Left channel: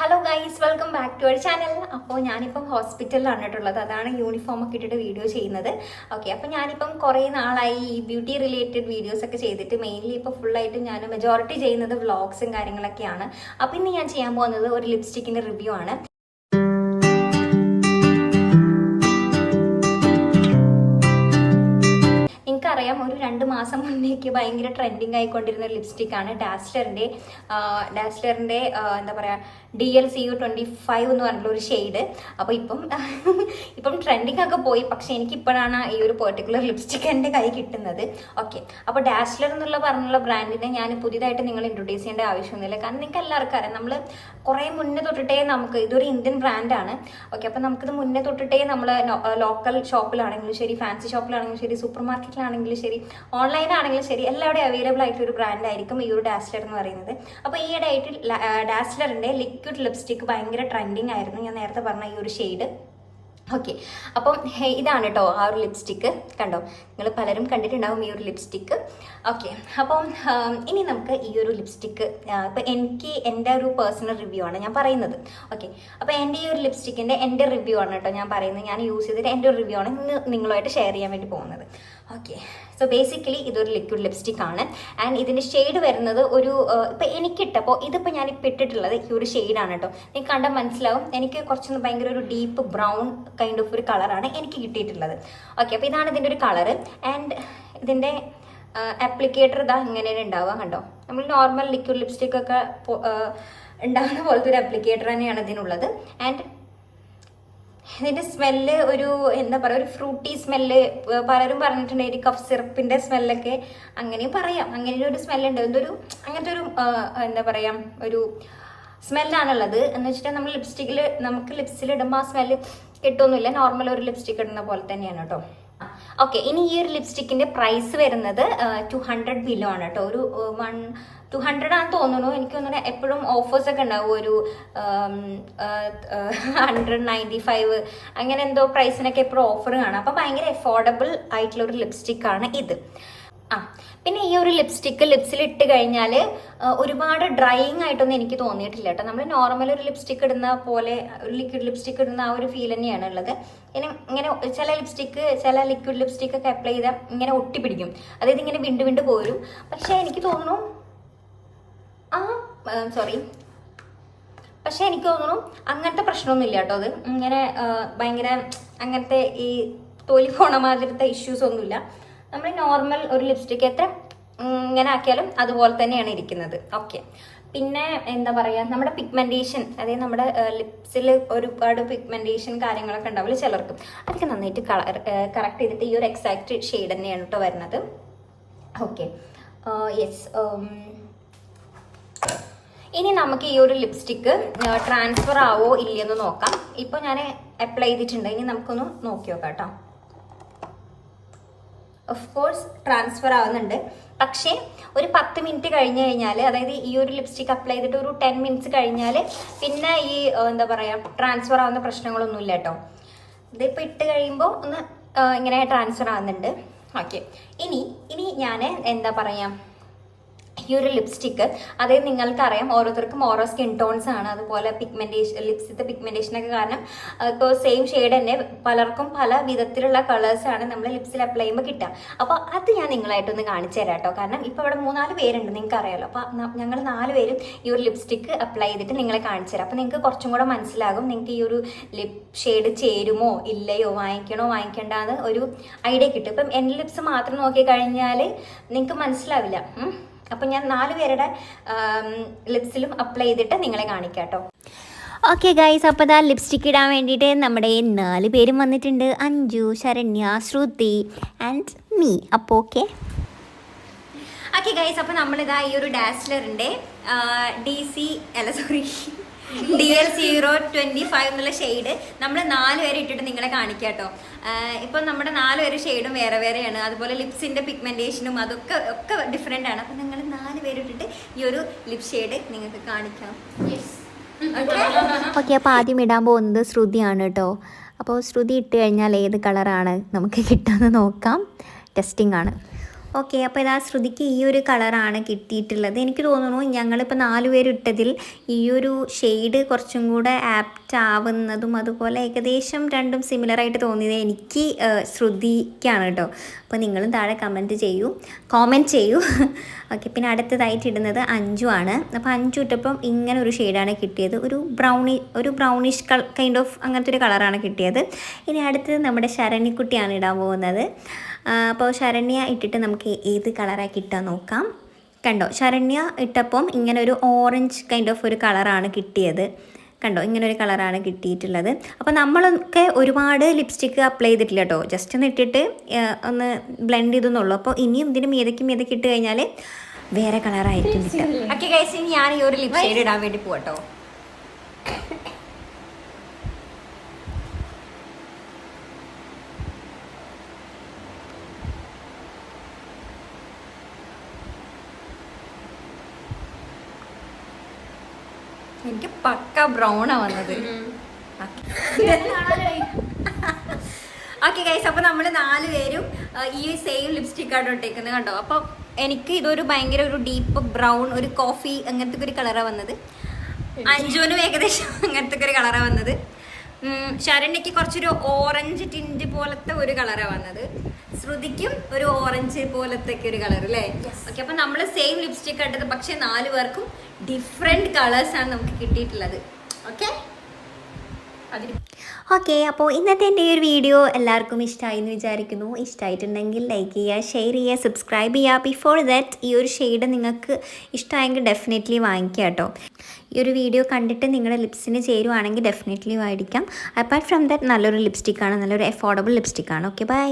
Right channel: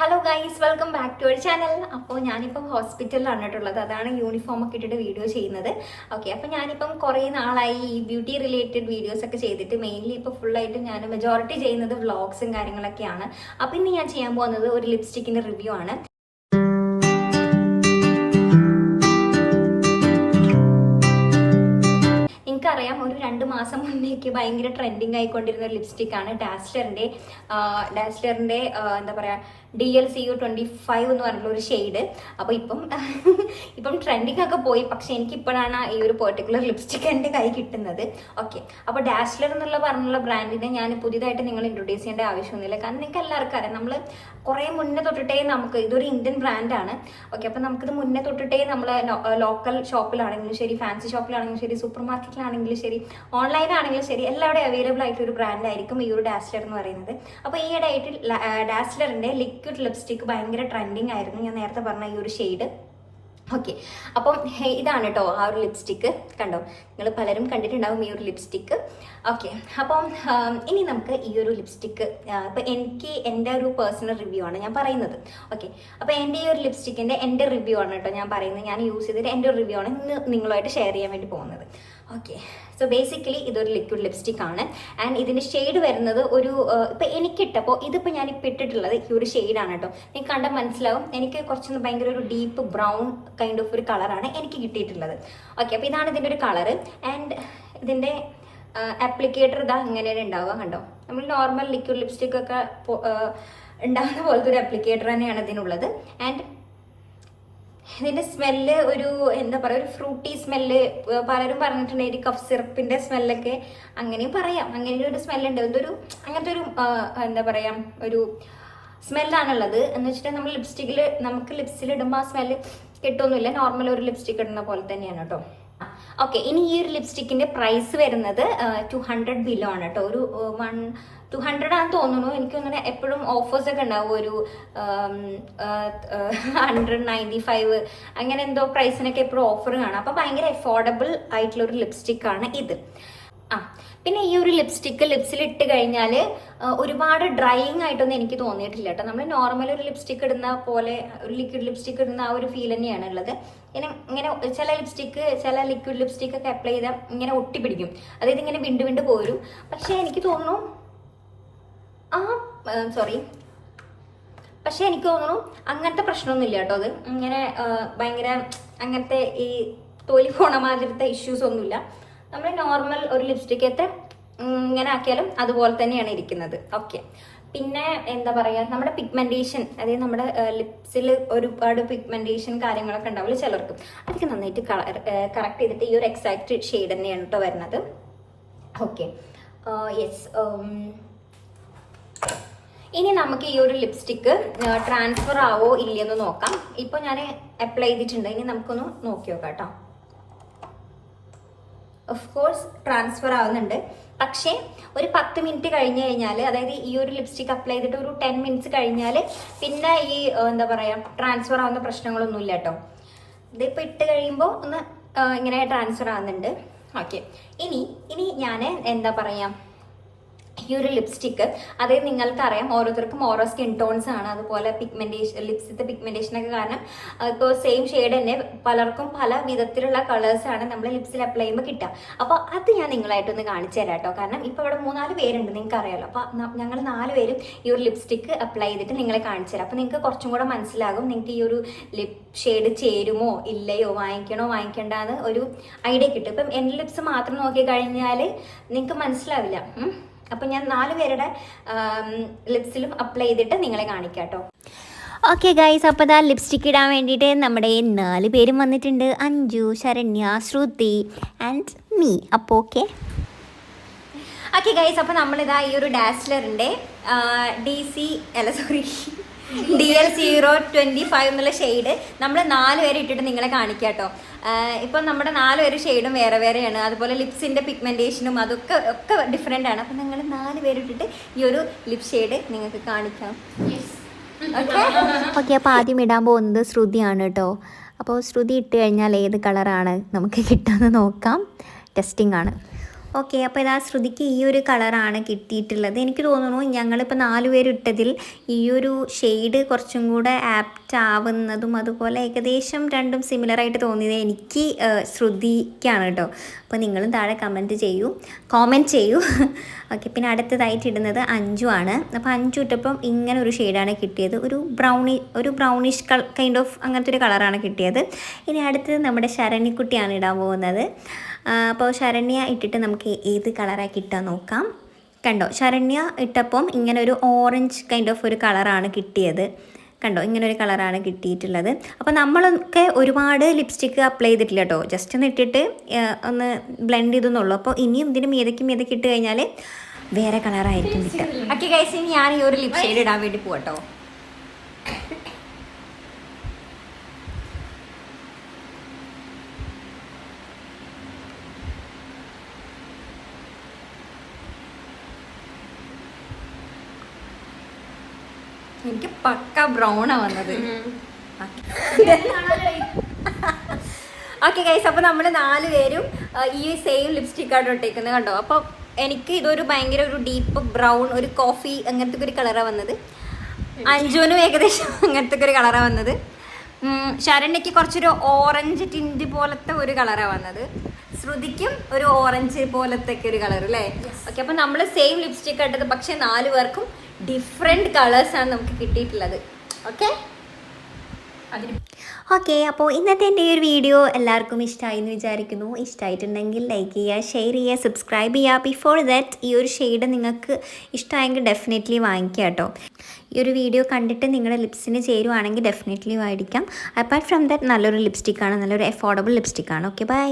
Hello guys, welcome back to our channel. അപ്പോൾ ഞാനിപ്പം ഹോസ്പിറ്റലിലാണ് കേട്ടുള്ളത്. അതാണ് യൂണിഫോം ഒക്കെ ഇട്ടിട്ട് വീഡിയോ ചെയ്യുന്നത്. ഓക്കെ, അപ്പോൾ ഞാനിപ്പം കുറേ നാളായി ഈ ബ്യൂട്ടി റിലേറ്റഡ് വീഡിയോസ് ഒക്കെ ചെയ്തിട്ട് മെയിൻലി ഇപ്പോൾ ഫുള്ളായിട്ട് ഞാൻ മെജോറിറ്റി ചെയ്യുന്നത് വ്ളോഗ്സും കാര്യങ്ങളൊക്കെയാണ്. അപ്പോൾ ഇന്ന് ഞാൻ ചെയ്യാൻ പോകുന്നത് ഒരു ലിപ്സ്റ്റിക്കിൻ്റെ റിവ്യൂ ആണ്. എനിക്കറിയാം, ഒരു 2 മാസം മുന്നേക്ക് ഭയങ്കര ട്രെൻഡിങ് ആയിക്കൊണ്ടിരുന്ന ഒരു ലിപ്സ്റ്റിക്കാണ് ഡാസ്ലറിൻ്റെ എന്താ പറയുക DLCU25 എന്ന് പറഞ്ഞിട്ടുള്ള ഒരു ഷെയ്ഡ്. അപ്പോൾ ഇപ്പം ട്രെൻഡിങ് ഒക്കെ പോയി. പക്ഷെ എനിക്കിപ്പോഴാണ് ഈ ഒരു പെർട്ടിക്കുലർ ലിപ്സ്റ്റിക്ക് എൻ്റെ കൈ കിട്ടുന്നത്. ഓക്കെ, അപ്പോൾ ഡാസ്ലർ പറഞ്ഞുള്ള ബ്രാൻഡിനെ ഞാൻ പുതിയതായിട്ട് നിങ്ങൾ ഇൻട്രൊഡ്യൂസ് ചെയ്യേണ്ട ആവശ്യമൊന്നുമില്ല. കാരണം നിങ്ങൾക്ക് എല്ലാവർക്കും അറിയാം, നമ്മൾ കുറേ മുന്നേ തൊട്ടിട്ടേ ഇതൊരു ഇന്ത്യൻ ബ്രാൻഡാണ്. ഓക്കെ, അപ്പോൾ നമുക്കിത് മുന്നേ തൊട്ടിട്ടേ നമ്മൾ ലോക്കൽ ഷോപ്പിലാണെങ്കിലും ശരി, ഫാൻസി ഷോപ്പിലാണെങ്കിലും ശരി, സൂപ്പർ മാർക്കറ്റിലാണെങ്കിലും ശരി, ഓൺലൈനാണെങ്കിലും ശരി, എല്ലാവരുടെയും അവൈലബിൾ ആയിട്ടൊരു ബ്രാൻഡായിരിക്കും ഈ ഒരു ഡാസ്ലർ എന്ന് പറയുന്നത്. അപ്പോൾ ഈയിടെ ആയിട്ട് ഡാസ്ലറിൻ്റെ ലിക്വിഡ് ലിപ്സ്റ്റിക്ക് ഭയങ്കര ട്രെൻഡിങ് ആയിരുന്നു. ഞാൻ നേരത്തെ പറഞ്ഞ ഈ ഒരു ഷെയ്ഡ്. ഓക്കെ, അപ്പം ഇതാണ് കേട്ടോ ആ ഒരു ലിപ്സ്റ്റിക്ക്. കണ്ടോ, നിങ്ങൾ പലരും കണ്ടിട്ടുണ്ടാവും ഈ ഒരു ലിപ്സ്റ്റിക്ക്. ഓക്കെ, അപ്പം ഇനി നമുക്ക് ഈ ഒരു ലിപ്സ്റ്റിക്ക് ഇപ്പം എൻ്റെ ഒരു പേഴ്സണൽ റിവ്യൂ ആണ് ഞാൻ പറയുന്നത്. ഓക്കെ, അപ്പോൾ എൻ്റെ ഈ ഒരു ലിപ്സ്റ്റിക്കിൻ്റെ എൻ്റെ റിവ്യൂ ആണ് കേട്ടോ ഞാൻ പറയുന്നത്. ഞാൻ യൂസ് ചെയ്തിട്ട് എൻ്റെ ഒരു റിവ്യൂ ആണ് ഇന്ന് നിങ്ങളുമായിട്ട് ഷെയർ ചെയ്യാൻ വേണ്ടി പോകുന്നത്. ഓക്കെ, സോ ബേസിക്കലി ഇതൊരു ലിക്വിഡ് ലിപ്സ്റ്റിക് ആണ്. ആൻഡ് ഇതിൻ്റെ ഷെയ്ഡ് വരുന്നത് ഒരു ഇപ്പം എനിക്കിട്ടപ്പോൾ ഇതിപ്പോൾ ഞാനിപ്പോൾ ഇട്ടിട്ടുള്ളത് ഈ ഒരു ഷെയ്ഡാണ് കേട്ടോ. നിങ്ങൾക്ക് കണ്ടാൽ മനസ്സിലാവും, എനിക്ക് കുറച്ചൊന്ന് ഭയങ്കര ഒരു ഡീപ്പ് ബ്രൗൺ കൈൻഡ് ഓഫ് ഒരു കളറാണ് എനിക്ക് കിട്ടിയിട്ടുള്ളത്. ഓക്കെ, അപ്പോൾ ഇതാണ് ഇതിൻ്റെ ഒരു കളറ്. ആൻഡ് ഇതിൻ്റെ ആപ്ലിക്കേറ്റർ ഇതാ ഇങ്ങനെയാണ് ഉണ്ടാവുക. കണ്ടോ, നമ്മൾ നോർമൽ ലിക്വിഡ് ലിപ്സ്റ്റിക് ഒക്കെ ഉണ്ടാകുന്ന പോലത്തെ ഒരു ആപ്ലിക്കേറ്റർ തന്നെയാണ് ഇതിനുള്ളത്. ആൻഡ് ഇതിൻ്റെ സ്മെല്ല് ഒരു എന്താ പറയുക, ഒരു ഫ്രൂട്ടി സ്മെല്ല്. പലരും പറഞ്ഞിട്ടുണ്ട് ഒരു കഫ് സിറപ്പിൻ്റെ സ്മെല്ലൊക്കെ അങ്ങനെയും പറയാം. അങ്ങനെ ഒരു സ്മെല്ലുണ്ട്. എന്തൊരു അങ്ങനത്തെ ഒരു എന്താ പറയുക, ഒരു സ്മെല്ലാണുള്ളത്. എന്ന് വെച്ചിട്ട് നമ്മൾ നമുക്ക് ലിപ്സിൽ ഇടുമ്പോൾ ആ സ്മെല്ല് കിട്ടുമൊന്നുമില്ല. നോർമൽ ഒരു ലിപ്സ്റ്റിക് ഇടുന്ന പോലെ തന്നെയാണ് കേട്ടോ. ഓക്കെ, ഇനി ഈ ഒരു ലിപ്സ്റ്റിക്കിൻ്റെ പ്രൈസ് വരുന്നത് 200 ബിലോ ആണ് കേട്ടോ. ഒരു 200 ആണെന്ന് തോന്നുന്നു. എനിക്ക് തോന്നുന്നു എപ്പോഴും ഓഫേഴ്സൊക്കെ ഉണ്ടാവും. ഒരു 195 അങ്ങനെ എന്തോ പ്രൈസിനൊക്കെ എപ്പോഴും ഓഫർ കാണാം. അപ്പോൾ ഭയങ്കര അഫോർഡബിൾ ആയിട്ടുള്ള ഒരു ലിപ്സ്റ്റിക്കാണ് ഇത്. പിന്നെ ഈ ഒരു ലിപ്സ്റ്റിക്ക് ലിപ്സിൽ ഇട്ട് കഴിഞ്ഞാൽ ഒരുപാട് ഡ്രൈയിങ് ആയിട്ടൊന്നും എനിക്ക് തോന്നിയിട്ടില്ല കേട്ടോ. നമ്മൾ നോർമൽ ഒരു ലിപ്സ്റ്റിക്ക് ഇടുന്ന പോലെ, ഒരു ലിക്വിഡ് ലിപ്സ്റ്റിക്ക് ഇടുന്ന ആ ഒരു ഫീൽ തന്നെയാണ് ഉള്ളത്. ഇങ്ങനെ ചില ലിക്വിഡ് ലിപ്സ്റ്റിക്ക് ഒക്കെ അപ്ലൈ ചെയ്താൽ ഇങ്ങനെ ഒട്ടിപ്പിടിക്കും. അതായത് ഇങ്ങനെ വിണ്ട് പോരും. പക്ഷെ എനിക്ക് തോന്നുന്നു അങ്ങനത്തെ പ്രശ്നമൊന്നുമില്ല കേട്ടോ. അത് ഇങ്ങനെ ഭയങ്കര അങ്ങനത്തെ ഈ തൊലി പോണ മാതിരത്തെ ഇഷ്യൂസ് ഒന്നുമില്ല. നമ്മൾ നോർമൽ ഒരു ലിപ്സ്റ്റിക്ക് എത്ര ഇങ്ങനെ ആക്കിയാലും അതുപോലെ തന്നെയാണ് ഇരിക്കുന്നത്. ഓക്കെ, പിന്നെ എന്താ പറയുക, നമ്മുടെ പിഗ്മെന്റേഷൻ, അതായത് നമ്മുടെ ലിപ്സിൽ ഒരുപാട് പിഗ്മെന്റേഷൻ കാര്യങ്ങളൊക്കെ ഉണ്ടാവില്ല ചിലർക്ക്. അതൊക്കെ നന്നായിട്ട് കറക്റ്റ് ചെയ്തിട്ട് ഈ ഒരു എക്സാക്ട് ഷെയ്ഡ് തന്നെയാണ് കേട്ടോ വരുന്നത്. Okay, yes. ഇനി നമുക്ക് ഈ ഒരു ലിപ്സ്റ്റിക്ക് ട്രാൻസ്ഫർ ആവോ ഇല്ലയെന്ന് നോക്കാം. ഇപ്പോൾ ഞാൻ അപ്ലൈ ചെയ്തിട്ടുണ്ട്. ഇനി നമുക്കൊന്ന് നോക്കി നോക്കാം കേട്ടോ. ഓഫ് കോഴ്സ് ട്രാൻസ്ഫർ ആവുന്നുണ്ട്. പക്ഷേ ഒരു 10 മിനിറ്റ് കഴിഞ്ഞ് കഴിഞ്ഞാൽ, അതായത് ഈ ഒരു ലിപ്സ്റ്റിക്ക് അപ്ലൈ ചെയ്തിട്ട് ഒരു 10 മിനിറ്റ്സ് കഴിഞ്ഞാൽ പിന്നെ ഈ എന്താ പറയുക ട്രാൻസ്ഫർ ആവുന്ന പ്രശ്നങ്ങളൊന്നുമില്ല കേട്ടോ. ഇതിപ്പോൾ ഇട്ട് കഴിയുമ്പോൾ ഒന്ന് ഇങ്ങനെ ട്രാൻസ്ഫർ ആവുന്നുണ്ട്. ഓക്കെ, ഇനി ഞാൻ എന്താ പറയുക, ഈ ഒരു ലിപ്സ്റ്റിക്ക്, അതായത് നിങ്ങൾക്കറിയാം ഓരോരുത്തർക്കും ഓരോ സ്കിൻ ടോൺസ് ആണ്. അതുപോലെ ലിപ്സിത്തെ പിഗ്മെന്റേഷനൊക്കെ കാരണം ഇപ്പോൾ സെയിം ഷെയ്ഡ് തന്നെ പലർക്കും പല വിധത്തിലുള്ള കളേഴ്സാണ് നമ്മൾ ലിപ്സിൽ അപ്ലൈ ചെയ്യുമ്പോൾ കിട്ടുക. അപ്പോൾ അത് ഞാൻ നിങ്ങളായിട്ടൊന്ന് കാണിച്ചു തരാം കേട്ടോ. കാരണം ഇപ്പോൾ ഇവിടെ 3-4 പേരുണ്ട്, നിങ്ങൾക്ക് അറിയാമല്ലോ. അപ്പോൾ ഞങ്ങൾ 4 പേരും ഈ ഒരു ലിപ്സ്റ്റിക്ക് അപ്ലൈ ചെയ്തിട്ട് നിങ്ങളെ കാണിച്ചു തരാം. അപ്പോൾ നിങ്ങൾക്ക് കുറച്ചും കൂടെ മനസ്സിലാകും നിങ്ങൾക്ക് ഈ ഒരു ലിപ് ഷെയ്ഡ് ചേരുമോ ഇല്ലയോ, വാങ്ങിക്കണോ വാങ്ങിക്കേണ്ടെന്ന് ഒരു ഐഡിയ കിട്ടും. ഇപ്പം എൻ്റെ ലിപ്സ് മാത്രം നോക്കി കഴിഞ്ഞാൽ നിങ്ങൾക്ക് മനസ്സിലാവില്ല. അപ്പം ഞാൻ 4 പേരുടെ ലിപ്സിലും അപ്ലൈ ചെയ്തിട്ട് നിങ്ങളെ കാണിക്കാം കേട്ടോ. ഓക്കെ ഗൈസ്, അപ്പോൾ ഇതാ ലിപ്സ്റ്റിക്ക് ഇടാൻ വേണ്ടിയിട്ട് നമ്മുടെ 4 പേരും വന്നിട്ടുണ്ട്. അഞ്ജു, ശരണ്യ, ശ്രുതി ആൻഡ് മീ. അപ്പോൾ ഓക്കെ ഗൈസ്, അപ്പോൾ നമ്മളിതാ ഈ ഒരു ഡാസ്ലറിൻ്റെ DL025 എന്നുള്ള ഷെയ്ഡ് നമ്മൾ 4 പേരെ ഇട്ടിട്ട് നിങ്ങളെ കാണിക്കാം കേട്ടോ. ഇപ്പം നമ്മുടെ 4 പേര് ഷെയ്ഡും വേറെ വേറെയാണ്. അതുപോലെ ലിപ്സിൻ്റെ പിഗ്മെന്റേഷനും ഒക്കെ ഡിഫറെൻ്റ് ആണ്. അപ്പം നിങ്ങൾ 4 പേര് ഇട്ടിട്ട് ഈ ഒരു ലിപ് ഷെയ്ഡ് നിങ്ങൾക്ക് കാണിക്കാം. ഓക്കെ, അപ്പോൾ ആദ്യം ഇടാൻ പോകുന്നത് ശ്രുതിയാണ് കേട്ടോ. അപ്പോൾ ശ്രുതി ഇട്ട് കഴിഞ്ഞാൽ ഏത് കളറാണ് നമുക്ക് കിട്ടുമെന്ന് നോക്കാം. ടെസ്റ്റിംഗ് ആണ്. ഓക്കെ, അപ്പോൾ ഇതാ ശ്രുതിക്ക് ഈ ഒരു കളറാണ് കിട്ടിയിട്ടുള്ളത്. എനിക്ക് തോന്നുന്നു ഞങ്ങളിപ്പോൾ 4 പേര് ഇട്ടതിൽ ഈ ഒരു ഷെയ്ഡ് കുറച്ചും കൂടെ ആപ്റ്റ് ആവുന്നതും അതുപോലെ ഏകദേശം രണ്ടും സിമിലറായിട്ട് തോന്നിയത് എനിക്ക് ശ്രുതിക്കാണ് കേട്ടോ. അപ്പോൾ നിങ്ങളും താഴെ കമൻറ്റ് ചെയ്യൂ. ഓക്കെ, പിന്നെ അടുത്തതായിട്ട് ഇടുന്നത് അഞ്ചു ആണ്. അപ്പോൾ അഞ്ചു ഇട്ടപ്പം ഇങ്ങനെ ഒരു ഷെയ്ഡാണ് കിട്ടിയത്. ഒരു ബ്രൗണിഷ് കൈൻഡ് ഓഫ് അങ്ങനത്തെ ഒരു കളറാണ് കിട്ടിയത്. ഇനി അടുത്തത് നമ്മുടെ ശരണ്യക്കുട്ടിയാണ് ഇടാൻ പോകുന്നത്. അപ്പോൾ ശരണ്യ ഇട്ടിട്ട് നമുക്ക് ഏത് കളറാണ് കിട്ടുക നോക്കാം. കണ്ടോ, ശരണ്യ ഇട്ടപ്പം ഇങ്ങനെ ഒരു ഓറഞ്ച് കൈൻഡ് ഓഫ് ഒരു കളറാണ് കിട്ടിയത്. കണ്ടോ, ഇങ്ങനെ ഒരു കളറാണ് കിട്ടിയിട്ടുള്ളത്. അപ്പോൾ നമ്മളൊക്കെ ഒരുപാട് ലിപ്സ്റ്റിക്ക് അപ്ലൈ ചെയ്തിട്ടില്ല കേട്ടോ, ജസ്റ്റ് ഒന്ന് ഇട്ടിട്ട് ഒന്ന് ബ്ലെൻഡ് ചെയ്തെന്നുള്ളൂ. അപ്പോൾ ഇനിയും ഇതിന് മീതയ്ക്ക് ഇട്ട് കഴിഞ്ഞാൽ വേറെ കളറായിരിക്കും കിട്ടുക. ഓക്കെ ഗൈസ്, ഇനി ഞാൻ ഈ ഒരു ലിപ് ഷെയ്ഡ് ഇടാൻ വേണ്ടി പോകട്ടോ. എനിക്ക് പക്ക ബ്രൗണാ വന്നത്. ഓക്കെ ഗൈസ്, അപ്പൊ നമ്മള് 4 പേരും ഈ സെയിം ലിപ്സ്റ്റിക് ആണ് ഇട്ടേക്കുന്നത് കണ്ടോ. അപ്പൊ എനിക്ക് ഇതൊരു ഭയങ്കര ഒരു ഡീപ്പ് ബ്രൗൺ, ഒരു കോഫി അങ്ങനത്തെ ഒരു കളറാണ് വന്നത്. അഞ്ജുവിനും ഏകദേശം അങ്ങനത്തെ ഒരു കളറാണ് വന്നത്. ശരണ്യക്ക് കുറച്ചൊരു ഓറഞ്ച് ടിൻറ്റ് പോലത്തെ ഒരു കളറാണ് വന്നത്. ശ്രുതിക്കും ഒരു ഓറഞ്ച് പോലത്തെ ഒരു കളർ അല്ലേ. ഓക്കെ, അപ്പൊ നമ്മള് സെയിം ലിപ്സ്റ്റിക് ഇട്ടത്, പക്ഷെ 4 പേർക്കും ഡിഫറെന്റ് കളേഴ്സ് ആണ് നമുക്ക് കിട്ടിയിട്ടുള്ളത്. ഓക്കെ, അപ്പോൾ ഇന്നത്തെ എൻ്റെ ഈ ഒരു വീഡിയോ എല്ലാവർക്കും ഇഷ്ടമായി എന്ന് വിചാരിക്കുന്നു. ഇഷ്ടമായിട്ടുണ്ടെങ്കിൽ ലൈക്ക് ചെയ്യുക, ഷെയർ ചെയ്യുക, സബ്സ്ക്രൈബ് ചെയ്യുക. ബിഫോർ ദാറ്റ് ഈ ഒരു ഷെയ്ഡ് നിങ്ങൾക്ക് ഇഷ്ടമായെങ്കിൽ ഡെഫിനറ്റ്ലി വാങ്ങിക്കുക കേട്ടോ. ഈ ഒരു വീഡിയോ കണ്ടിട്ട് നിങ്ങളുടെ ലിപ്സിന് ചേരുവാണെങ്കിൽ ഡെഫിനറ്റ്ലി വാങ്ങിക്കാം. അപ്പാർട്ട് ഫ്രം ദാറ്റ് നല്ലൊരു ലിപ്സ്റ്റിക്കാണ്, നല്ലൊരു അഫോർഡബിൾ ലിപ്സ്റ്റിക്കാണ്. Okay, by.